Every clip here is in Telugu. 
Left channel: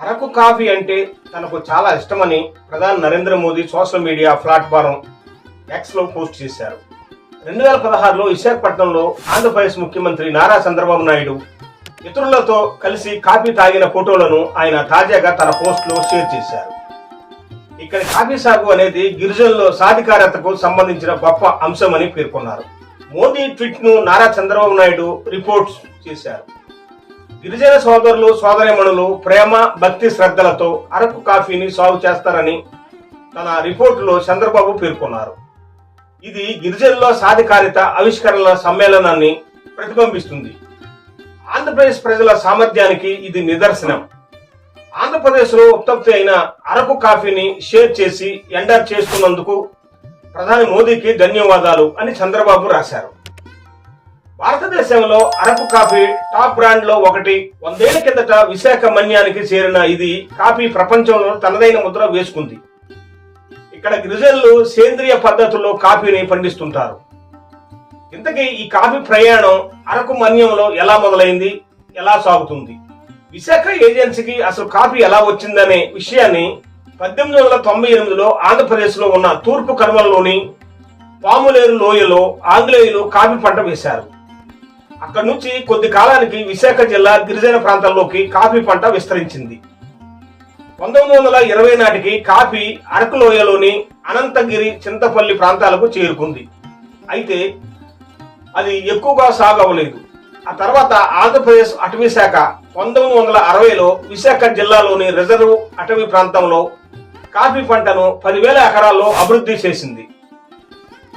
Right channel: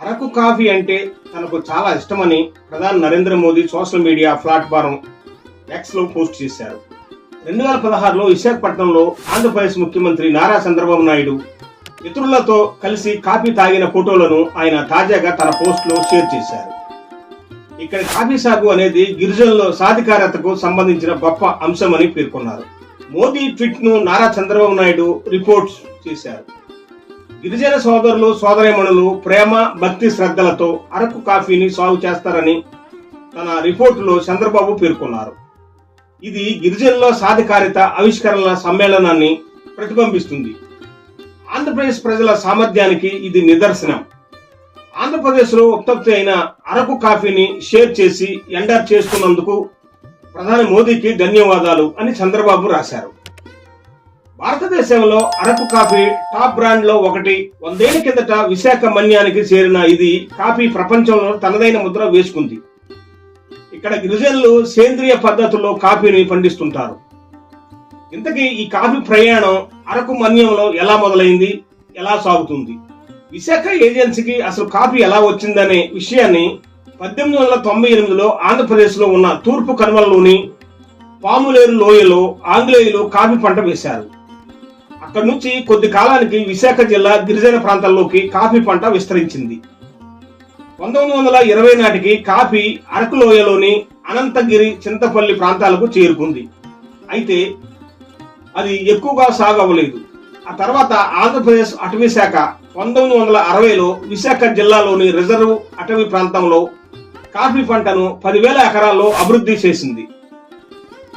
అరకు కాఫీ అంటే తనకు చాలా ఇష్టమని ప్రధాని Narendra Modi social media platform ఎక్స్లో పోస్ట్ చేశారు. 2016లో విశాఖపట్నంలో ఆంధ్రప్రదేశ్ ముఖ్యమంత్రి నారా చంద్రబాబు నాయుడు ఇతరులతో కలిసి కాఫీ తాగిన ఫోటోలను ఆయన తాజాగా తన పోస్టులో షేర్ చేశారు. ఇక్కడ కాఫీ సాగు అనేది గిరిజనుల సాధికారతకు సంబంధించిన గొప్ప అంశమని పేర్కొన్నారు. మోదీ ట్వీట్ ను నారా చంద్రబాబు నాయుడు రిపోర్ట్స్ చేశారు. గిరిజన సోదరులు సోదరీమణులు ప్రేమ భక్తి శ్రద్ధలతో అరకు కాఫీని సాగు చేస్తారని తన రిపోర్టులో చంద్రబాబు పేర్కొన్నారు. ఇది గిరిజనుల సాధికారిత ఆవిష్కరణల సమ్మేళనాన్ని ప్రతిబింబిస్తుంది. ఆంధ్రప్రదేశ్ ప్రజల సామర్థ్యానికి ఇది నిదర్శనం. ఆంధ్రప్రదేశ్లో ఉత్పత్తి అయిన అరకు కాఫీని షేర్ చేసి ఎండర్ చేసుకున్నందుకు ప్రధాని మోదీకి ధన్యవాదాలు అని చంద్రబాబు రాశారు. భారతదేశంలో అరకు కాఫీ టాప్ బ్రాండ్ లో ఒకటి. 100 ఏళ్ల కిందట విశాఖ మన్యానికి చేరిన ఇది కాఫీ ప్రపంచంలో తనదైన ముద్ర వేసుకుంది. ఇక్కడ గిరిజనులు సేంద్రియ పద్ధతుల్లో కాఫీని పండిస్తుంటారు. ఇంతకీ ఈ కాఫీ ప్రయాణం అరకు మన్యంలో ఎలా మొదలైంది, ఎలా సాగుతుంది? విశాఖ ఏజెన్సీకి అసలు కాఫీ ఎలా వచ్చిందనే విషయాన్ని 1898లో ఆంధ్రప్రదేశ్ లో ఉన్న తూర్పు కనుమలలోని పాములేరు లోయలో ఆంగ్లేయులు కాఫీ పంట వేశారు. అక్కడి నుంచి కొద్ది కాలానికి విశాఖ జిల్లా గిరిజన ప్రాంతాల్లోకి కాఫీ పంట విస్తరించింది. 1920 నాటికి కాఫీ అరకు లోయలోని అనంతగిరి చింతపల్లి ప్రాంతాలకు చేరుకుంది. అయితే అది ఎక్కువగా సాగవలేదు. ఆ తర్వాత ఆంధ్రప్రదేశ్ అటవీ శాఖ 1960లో విశాఖ జిల్లాలోని రిజర్వ్ అటవీ ప్రాంతంలో కాఫీ పంటను 10,000 ఎకరాల్లో అభివృద్ధి చేసింది.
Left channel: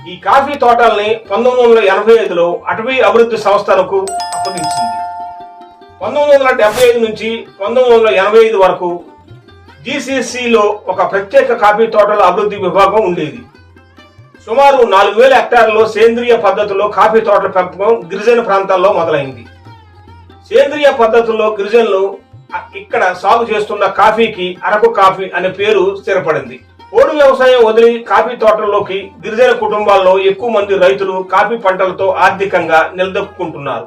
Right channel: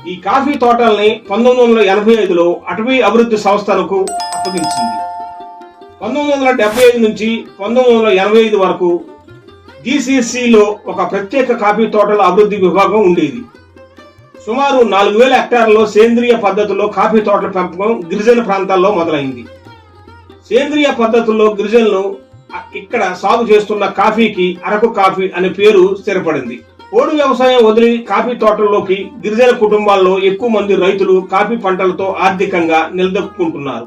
ఈ కాఫీ తోటల్ని 1985లో అటవీ అభివృద్ధి సంస్థలకు అప్పగించింది. 1975 నుంచి 1985 వరకు జీసీసీలో ఒక ప్రత్యేక కాఫీ తోటల అభివృద్ధి విభాగం ఉండేది. సుమారు 4,000 హెక్టార్లలో సేంద్రియ పద్ధతిలో కాఫీ తోటల పెంపకం గిరిజన ప్రాంతాల్లో మొదలైంది. సేంద్రియ పద్ధతుల్లో గిరిజనులు ఇక్కడ సాగు చేస్తున్న కాఫీకి అరకు కాఫీ అనే పేరు స్థిరపడింది. పోడు వ్యవసాయం వదిలి కాఫీ తోటల్లోకి గిరిజన కుటుంబాల్లో ఎక్కువ మంది రైతులు కాఫీ పంటలతో ఆర్థికంగా నిలదొక్కుంటున్నారు.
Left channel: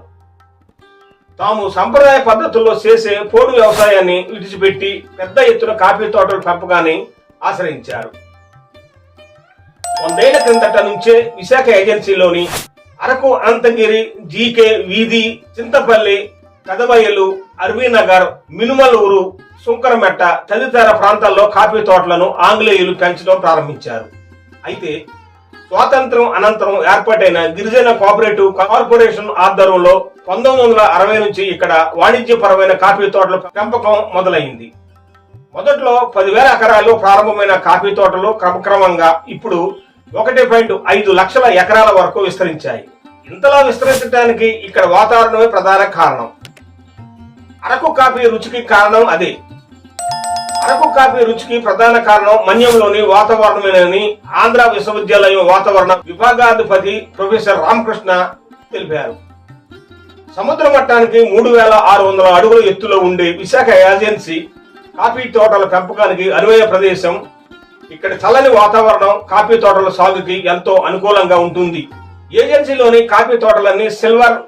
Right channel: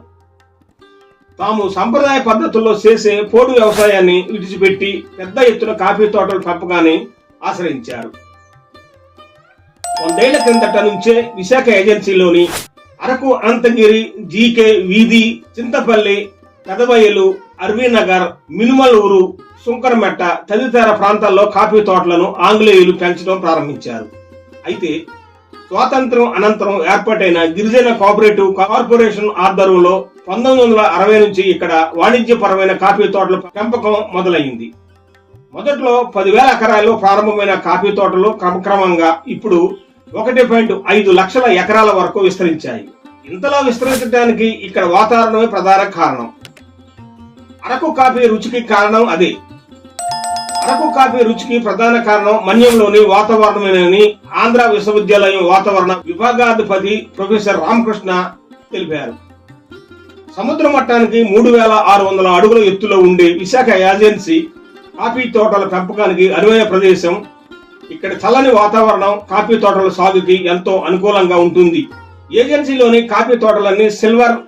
తాము సంప్రదాయ పద్ధతుల్లో చేసే పోడు వ్యవసాయాన్ని విడిచిపెట్టి పెద్ద ఎత్తున కాఫీ తోటల పెంపకాన్ని ఆశ్రయించారు. 100 ఏళ్ల క్రిందట నుంచే విశాఖ ఏజెన్సీలోని అరకు, అనంతగిరి, జీకే వీధి, చింతపల్లి, పెదబయలు, అర్వీనగర్, మినుమలూరు, సుంకరమెట్ట తదితర ప్రాంతాల్లో కాఫీ తోటలను ఆంగ్లేయులు పెంచడం ప్రారంభించారు. అయితే స్వాతంత్ర్యం అనంతరం ఏర్పాటైన గిరిజన కోఆపరేటివ్ కార్పొరేషన్ ఆధ్వర్యంలో 1960 నుంచి ఇక్కడ వాణిజ్యపరమైన కాఫీ తోటల పెంపకం మొదలైంది. మొదట్లో 10,000 ఎకరాల్లో ప్రారంభమైన కాఫీ తోటలు క్రమక్రమంగా ఇప్పుడు 1.5 లక్షల ఎకరాల వరకు విస్తరించాయి. ఇంతలా విస్తరించడానికి ఇక్కడ వాతావరణమే ప్రధాన కారణం. అరకు కాఫీ రుచికి కారణం అదే. అరకు కాఫీ రుచికి ప్రధాన కారణం మన్యంలోని వాతావరణమేనని ఆంధ్ర విశ్వవిద్యాలయం వాతావరణ విభాగాధిపతి ప్రొఫెసర్ రామకృష్ణ తెలిపారు. సముద్ర మట్టానికి 3,600 అడుగుల ఎత్తులో ఉండే విశాఖ ఏజెన్సీ కాఫీ తోటల పెంపకానికి అనువైన ప్రదేశం. ఇక్కడ చల్లని వాతావరణం కాఫీ తోటల సాగుకి ఎంతో అనుకూలంగా ఉంటుంది. ఏజెన్సీలోని కాఫీ తోటలన్నీ సిల్వర్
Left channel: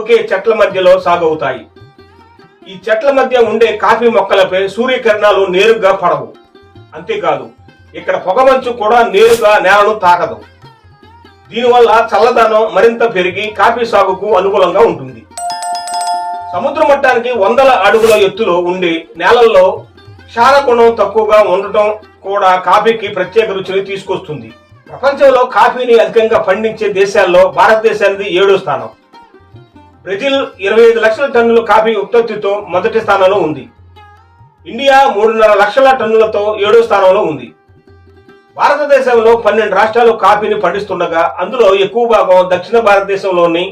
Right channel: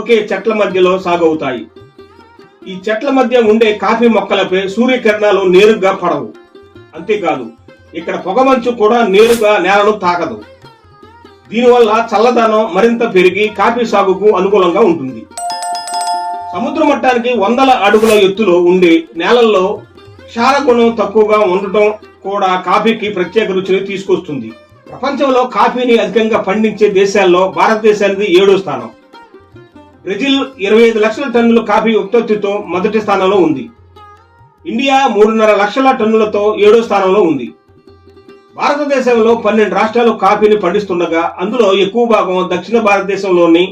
ఓకే చెట్ల మధ్యలో సాగవుతాయి. ఈ చెట్ల మధ్య ఉండే కాఫీ మొక్కలపై సూర్యకిరణాలు నేరుగా పడవు. అంతేకాదు ఇక్కడ పొగమంచు కూడా నేరుగా నేలను తాకదు. దీనివల్ల చల్లదనం మరింత పెరిగి కాఫీ సాగుకు అనుకూలంగా ఉంటుంది. సముద్ర మట్టానికి 100 అడుగుల ఎత్తులో ఉండే నేలల్లో క్షారగుణం తక్కువగా ఉండటం కూడా కాఫీకి ప్రత్యేక రుచిని తీసుకొస్తుంది. ప్రపంచంలో కాఫీని అధికంగా పండించే దేశాల్లో భారతదేశానికి 7వ స్థానం. బ్రెజిల్ 25 లక్షల టన్నుల కాఫీ ఉత్పత్తితో మొదటి స్థానంలో ఉంది. ఇండియా 3.5 లక్షల టన్నులతో 7వ స్థానంలో ఉంది. భారతదేశంలో 12 రాష్ట్రాలు కాఫీని పండిస్తుండగా అందులో ఎక్కువ భాగం దక్షిణ భారతదేశంలోని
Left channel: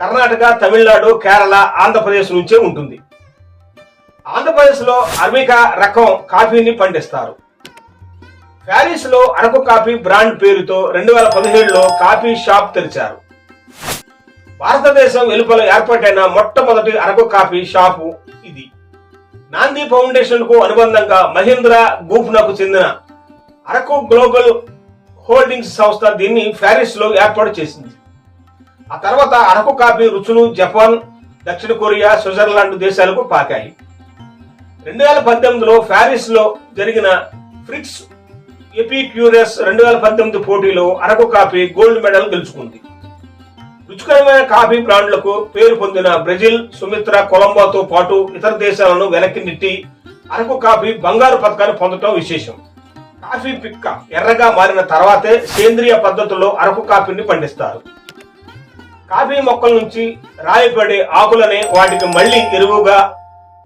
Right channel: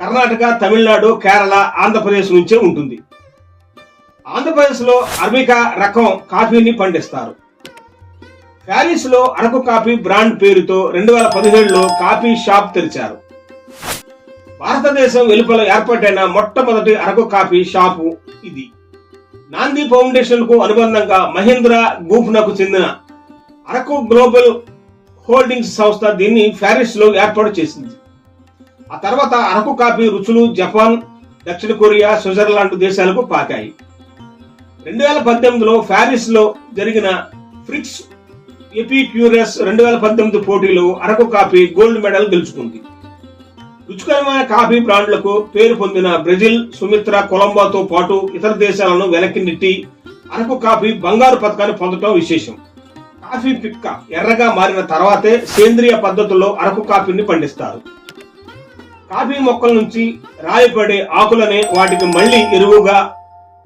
కర్ణాటక, తమిళనాడు, కేరళ, ఆంధ్రప్రదేశ్ నుంచే ఉంటుంది. ఆంధ్రప్రదేశ్ లో అరబికా రకం కాఫీని పండిస్తారు. ప్యారిస్ లో అరకు కాఫీ బ్రాండ్ పేరుతో 2017లో కాఫీ షాప్ తెరిచారు. భారతదేశం వెలుపల ఏర్పాటైన మొట్టమొదటి అరకు కాఫీ షాపు ఇది. నాంది ఫౌండేషన్ కు అనుబంధంగా మహీంద్రా గ్రూప్నకు చెందిన అరకు గ్లోబల్ హోల్డింగ్స్ సంస్థ దీన్ని ప్యారిస్ లో ఏర్పాటు చేసింది. ఆ తర్వాత అరకు కాఫీ రుచులు జపాన్, దక్షిణ కొరియా, స్విట్జర్లాండ్ దేశాలకు పాకాయి. 2018లో ప్యారిస్ లో జరిగిన ఫ్రిక్స్ ఎపిక్యూరస్ 2018 పోటీలో అరకు కాఫీ గోల్డ్ మెడల్ గెలుచుకుంది. రుచికరమైన కాఫీ బ్రాండ్లకు పేరు పొందిన బ్రెజిల్, సుమిత్ర, కొలంబోతో పాటు ఇతర దేశాలను వెనక్కి నెట్టి అరకు కాఫీ బంగారు పతకాన్ని పొందడం విశేషం. కాఫీ పిక్క ఎర్రగా మారిన తర్వాతే సేంద్రియ పద్ధతుల్లో అరకు కాఫీని పండిస్తారు. కాఫీ మొక్కల నుంచి రాలిపడే ఆకులనే వాటికి మళ్లీ ఎరువుగా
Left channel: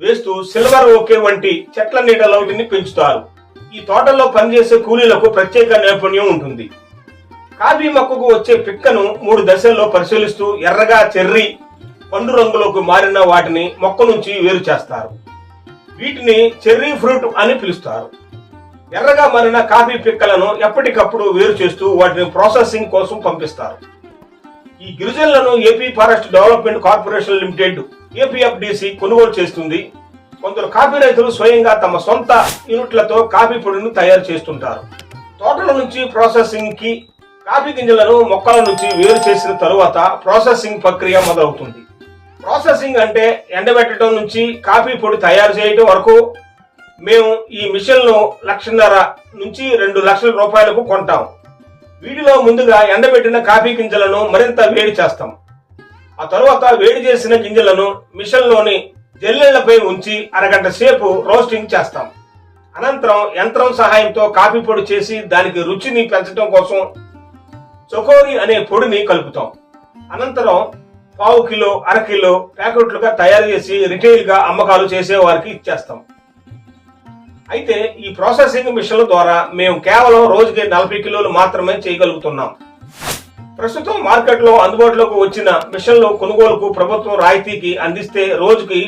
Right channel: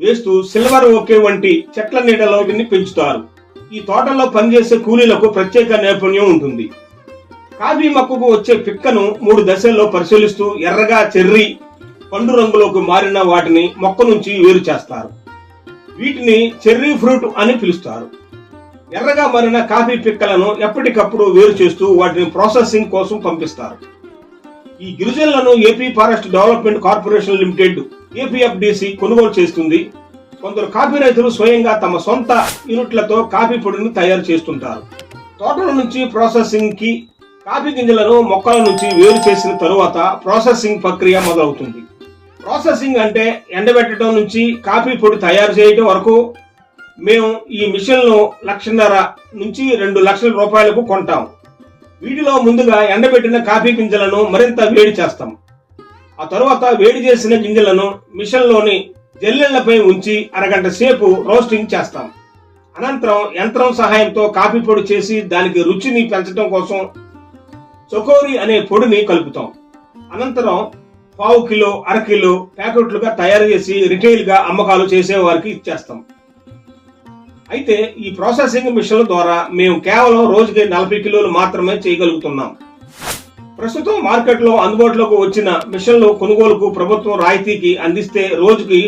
వేస్తూ సిల్వర్ ఓకే వంటి చెట్ల నీడలో వీటిని పెంచుతారు. ఈ తోటల్లో పనిచేసే కూలీలకు ప్రత్యేక నైపుణ్యం ఉంటుంది. కాఫీ మొక్కకు వచ్చే పిక్కను 3 దశల్లో పరిశీలిస్తూ ఎర్రగా చెర్రీ పండు రంగులోకి మారిన వాటిని మొక్క నుంచి వేరు చేస్తారు. వీటిని చెర్రీ ఫ్రూట్ అని పిలుస్తారు. ఎర్రగా మారిన కాఫీ పిక్కలను ఎప్పటికప్పుడు వేరు చేస్తూ వాటిని ప్రాసెసింగ్ కోసం పంపిస్తారు. ఈ గిరిజనులను AP forest development corporation limited APFDC కొనుగోలు చేస్తుంది. కొందరు కాఫీ రైతులు స్వయంగా తమ సొంత యూనిట్లతో కాఫీ పొడిని తయారు చేస్తుంటారు. తోటల నుంచి ప్రాసెసింగ్ కి కాఫీ గింజలను మొక్కల నుంచి వేరు చేసిన తరువాత ప్రాసెసింగ్ ప్రక్రియ మొదలవుతుంది. ప్రాసెసింగ్ అంటే ఎండబెట్టడం నుంచి కాఫీ పొడి తయారు చేయడం వరకు. మేము ఈ మిషన్ను 1,50,000 నుంచి 2 లక్షల రూపాయలకు కొంటాం. వీటిలో ముందుగా ఎండబెట్టిన కాఫీ గింజలను మరింత వేడి చేస్తాం. ఆ తరువాత వేడి చేసిన గింజలను మిషన్లోని జల్లెళ్లపై ఉంచి అరగంట సేపు రోస్టింగ్ చేస్తాం. అనంతరం యంత్రం సహాయంతో కాఫీ పొడి చేసి దానికి రుచిని పెంచడం కోసం చకోరి అనే పొడిని కలుపుతాం. అనంతరం 1/4 కిలో, 1/2 కిలో ప్యాకెట్లుగా తయారు చేసి రిటైల్ గా అమ్మకాలు చేసే వారికి ఇచ్చేస్తాం. అయితే ఈ ప్రాసెసింగ్ మిషన్ల ద్వారా మేము కేవలం రోజుకి 40 కిలోలు మాత్రమే చేయగలుగుతున్నాం. ప్రస్తుతం మార్కెట్లో అందుబాటులోకి వచ్చిన మిషన్లు కొనుగోలుకు ప్రభుత్వం రాయితీకి అందిస్తే రోజుకి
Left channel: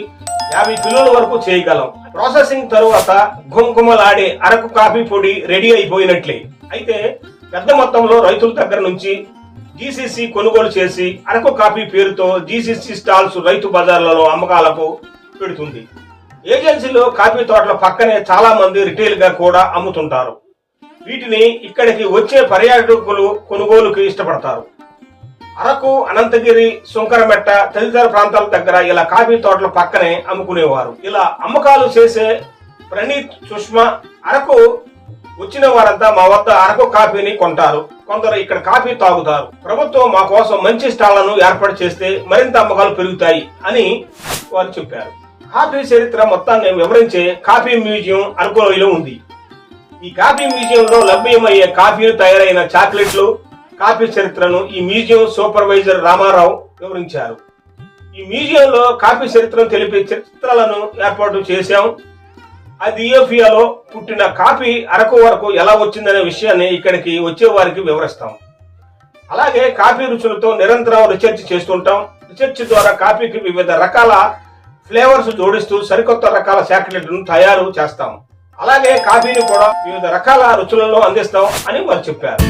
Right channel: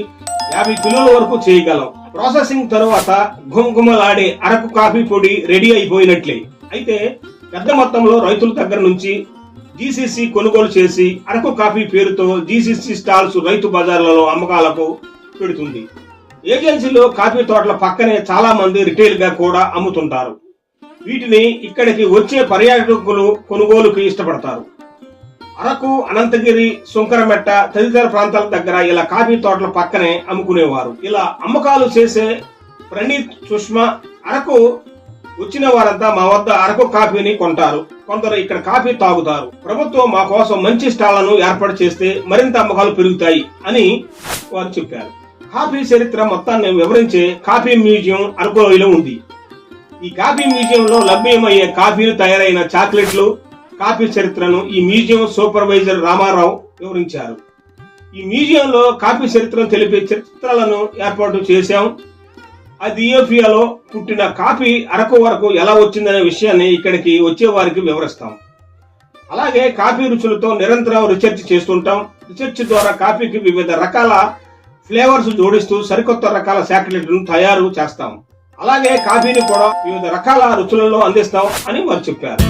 50 కిలోల వరకు చేయగలం. ప్రాసెసింగ్ తరువాత గుమగుమలాడే అరకు కాఫీ పొడి రెడీ అయిపోయినట్లే. అయితే పెద్ద మొత్తంలో రైతుల దగ్గర నుంచి జీసీసీ కొనుగోలు చేసి అరకు కాఫీ పేరుతో జీసీసీ స్టాల్స్ రైతు బజార్లలో అమ్మకాలకు పెడుతుంది. ఏజెన్సీలో కాఫీ తోటల పక్కనే చాలా మంది రిటైల్ గా కూడా అమ్ముతుంటారు. వీటిని ఇక్కడికి వచ్చే పర్యాటకులు కొనుగోలుకి ఇష్టపడతారు. అరకు, అనంతగిరి, సుంకరమెట్ట తదితర ప్రాంతాల దగ్గర ఇలా కాఫీ తోటల పక్కనే అమ్ముకునేవారు. ఇలా అమ్మకాలు చేసే ప్రణీత్, సుష్మా అరకు వచ్చిన వారంతా మా వద్ద అరకు కాఫీని కొంటారు. కొందరు ఇక్కడ కాఫీ తాగుతారు. ప్రభుత్వం మా కోసం మంచి స్టాళ్లను ఏర్పాటు చేస్తే మరింత అమ్మకాలు పెరుగుతాయి అని వారు చెప్పారు. కాఫీ చరిత్ర మొత్తాన్ని వివరించే కాఫీ మ్యూజియం అరకులోయలో ఉంది. ఈ కాఫీ మ్యూజియంలో లభ్యమయ్యే కాఫీలు, తయారైన చాక్లెట్లు, కాఫీ చరిత్రను ఈ మ్యూజియం సూపర్వైజర్ రామారావు వివరించారు. ఈ మ్యూజియంలో కాఫీ చరిత్రను తెలిపే చిత్రాలను ఏర్పాటు చేశాం. ఇథియోపియాలో పుట్టిన కాఫీ అరకు వరకు ఎలా వచ్చిందనే విషయాన్ని ఇక్కడికి వచ్చే వారికి వివరిస్తాం. అలాగే కాఫీ రుచులతో నిరంతరం రీసెర్చ్ చేస్తుంటాం. రీసెర్చ్ ద్వారా కాఫీకి వివిధ రకాల ఫ్లేవర్స్ జోడిస్తూ సరికొత్త రకాల చాక్లెట్లను తయారు చేస్తాం. అలాగే కాఫీని కూడా వివిధ రకాల రుచులలో అందిస్తాం అని వారు చెప్పారు.